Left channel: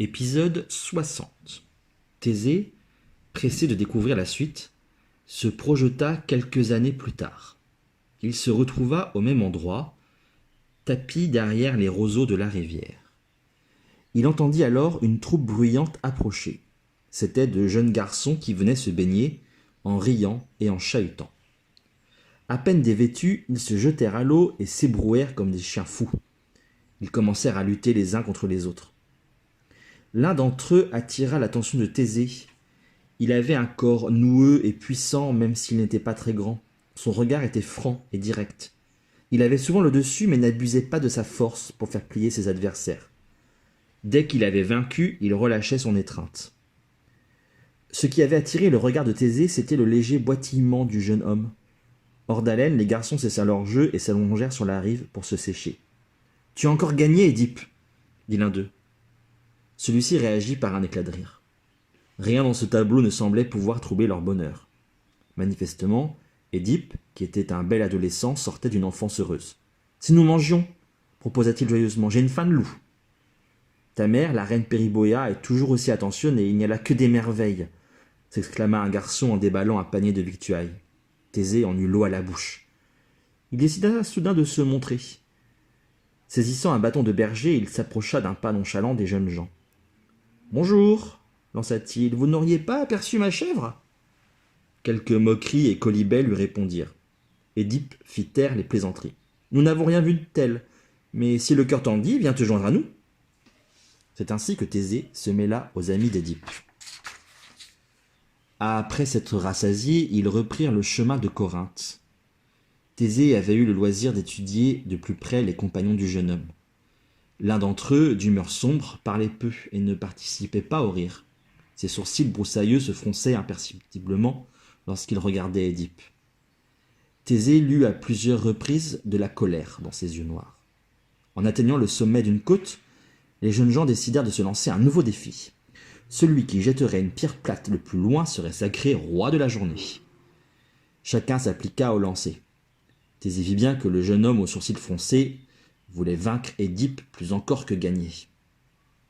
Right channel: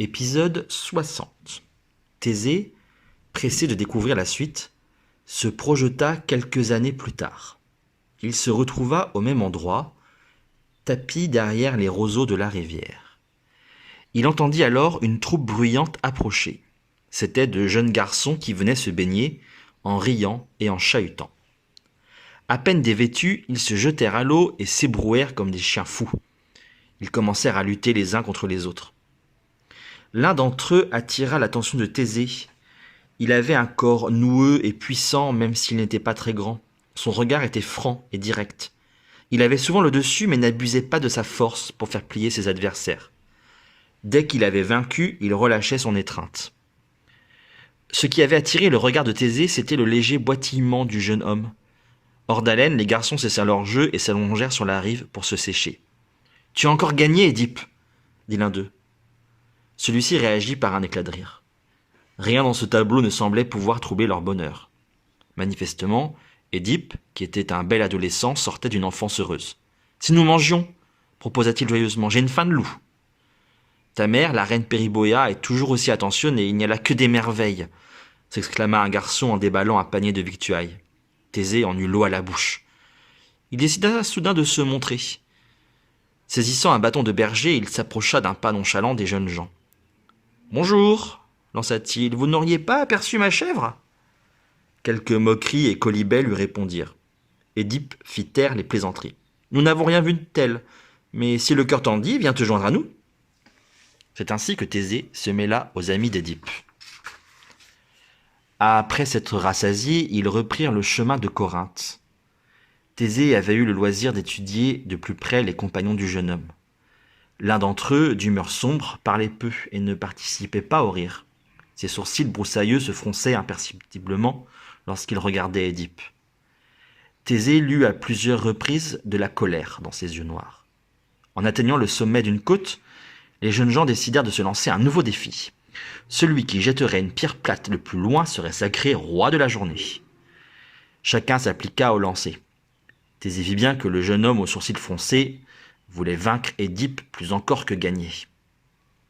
Épisode 60. Thésée, pressé de découvrir la suite, se projeta quelques années plus tard. Il se retrouva au même endroit, tapi derrière les roseaux de la rivière. Il entendit alors une troupe bruyante approcher. C'étaient de jeunes garçons qui venaient se baigner, en riant et en chahutant. À peine dévêtus, ils se jetèrent à l'eau et s'ébrouèrent comme des chiens fous. Ils commencèrent à lutter les uns contre les autres. L'un d'entre eux attira l'attention de Thésée. Il avait un corps noueux et puissant, même s'il n'était pas très grand. Son regard était franc et direct. Il avait souvent le dessus, mais n'abusait pas de sa force pour faire plier ses adversaires. Dès qu'il avait vaincu, il relâchait son étreinte. Ce qui avait attiré le regard de Thésée, c'était le léger boitillement du jeune homme. Hors d'haleine, les garçons cessèrent leur jeu et s'allongèrent sur la rive pour se sécher. « Tu as encore gagné, Édipe !» dit l'un d'eux. Celui-ci réagit par un éclat de rire. Rien dans ce tableau ne semblait pouvoir troubler leur bonheur. Manifestement, Édipe, qui était un bel adolescent, sortait d'une enfance heureuse. « Si nous mangions » proposa-t-il joyeusement, « j'ai une faim de loup. »« Ta mère, la reine Périboea, est toujours aussi attentionnée, il n'y a là que des merveilles » s'exclama un garçon en déballant un panier de victuailles. Thésée en eut l'eau à la bouche. Il décida soudain de se montrer. Saisissant un bâton de berger, il s'approcha d'un pas nonchalant des jeunes gens. « Bonjour » lança-t-il, « vous n'auriez pas aperçu ma chèvre ?» Quelques moqueries et quolibets lui répondirent. Édipe fit taire les plaisanteries. « Nous n'avons rien vu de tel, mais si le cœur t'en dit, viens te joindre à nous. » C'est ainsi que Thésée se mêla aux amis d'Édipe. Après s'être rassasiés, ils reprirent le chemin de Corinthe. Thésée avait eu le loisir d'étudier de plus près les compagnons du jeune homme. L'un d'entre eux, d'humeur sombre, parlait peu et ne participait pas au rire. Ses sourcils broussailleux se fronçaient imperceptiblement lorsqu'il regardait Édipe. Thésée lut à plusieurs reprises de la colère dans ses yeux noirs. En atteignant le sommet d'une côte, les jeunes gens décidèrent de se lancer un nouveau défi. Celui qui jetterait une pierre plate le plus loin serait sacré roi de la journée. Chacun s'appliqua au lancer. Thésée vit bien que le jeune homme aux sourcils froncés voulait vaincre Édipe plus encore que gagner.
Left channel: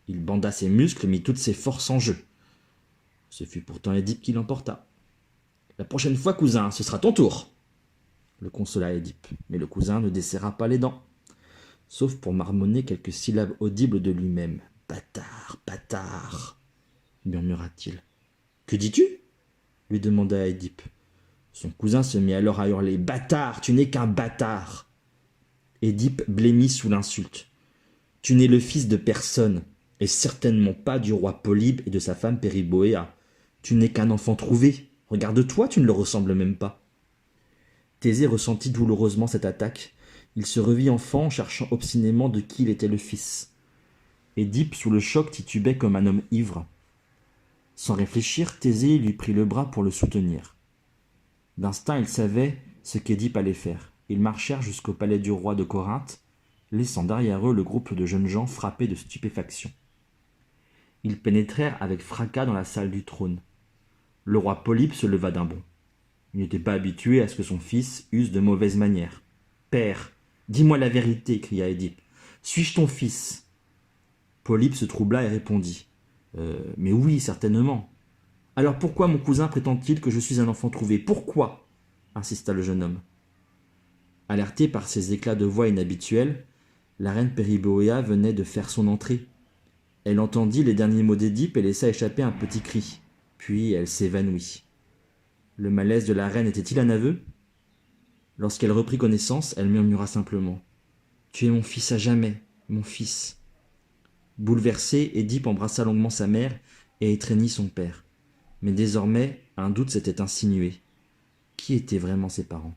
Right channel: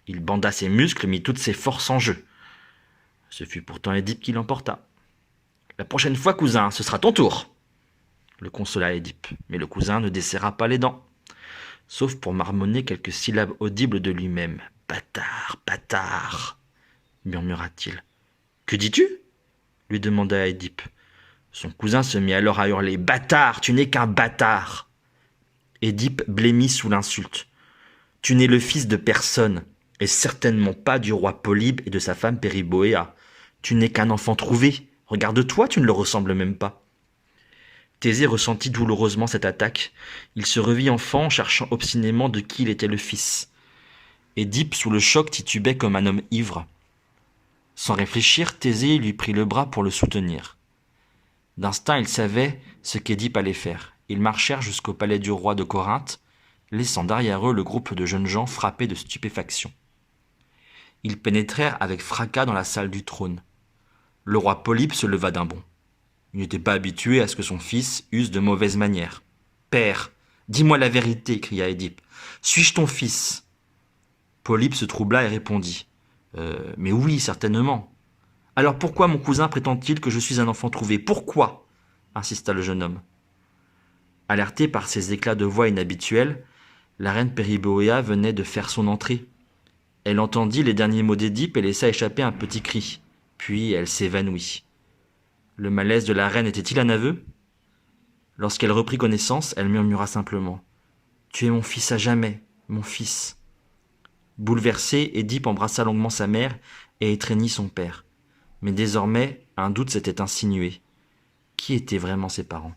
Il banda ses muscles, mit toutes ses forces en jeu. Ce fut pourtant Édipe qui l'emporta. « La prochaine fois, cousin, ce sera ton tour !» le consola Édipe, mais le cousin ne desserra pas les dents, sauf pour marmonner quelques syllabes audibles de lui-même. « Bâtard, bâtard !» murmura-t-il. « Que dis-tu » lui demanda Édipe. Son cousin se mit alors à hurler. « Bâtard, tu n'es qu'un bâtard !» Édipe blêmit sous l'insulte. « Tu n'es le fils de personne, et certainement pas du roi Polybe et de sa femme Périboea. Tu n'es qu'un enfant trouvé. Regarde-toi, tu ne le ressembles même pas. » Thésée ressentit douloureusement cette attaque. Il se revit enfant, cherchant obstinément de qui il était le fils. Édipe, sous le choc, titubait comme un homme ivre. Sans réfléchir, Thésée lui prit le bras pour le soutenir. D'instinct, il savait ce qu'Édipe allait faire. Ils marchèrent jusqu'au palais du roi de Corinthe, laissant derrière eux le groupe de jeunes gens frappés de stupéfaction. Ils pénétrèrent avec fracas dans la salle du trône. Le roi Polybe se leva d'un bond. Il n'était pas habitué à ce que son fils use de mauvaises manières. « Père, dis-moi la vérité » cria Édipe. « Suis-je ton fils ?» Polybe se troubla et répondit. « Mais oui, certainement. »« Alors pourquoi mon cousin prétend-il que je suis un enfant trouvé ? Pourquoi ?» insista le jeune homme. Alertée par ces éclats de voix inhabituels, la reine Périboea venait de faire son entrée. Elle entendit les derniers mots d'Édipe et laissa échapper un petit cri. Puis elle s'évanouit. Le malaise de la reine était-il un aveu ? Lorsqu'elle reprit connaissance, elle murmura simplement « Tu es mon fils à jamais, mon fils !» Bouleversée, Édipe embrassa longuement sa mère et étreignit son père. Mais désormais, un doute s'était insinué. Qui étaient vraiment ses parents ?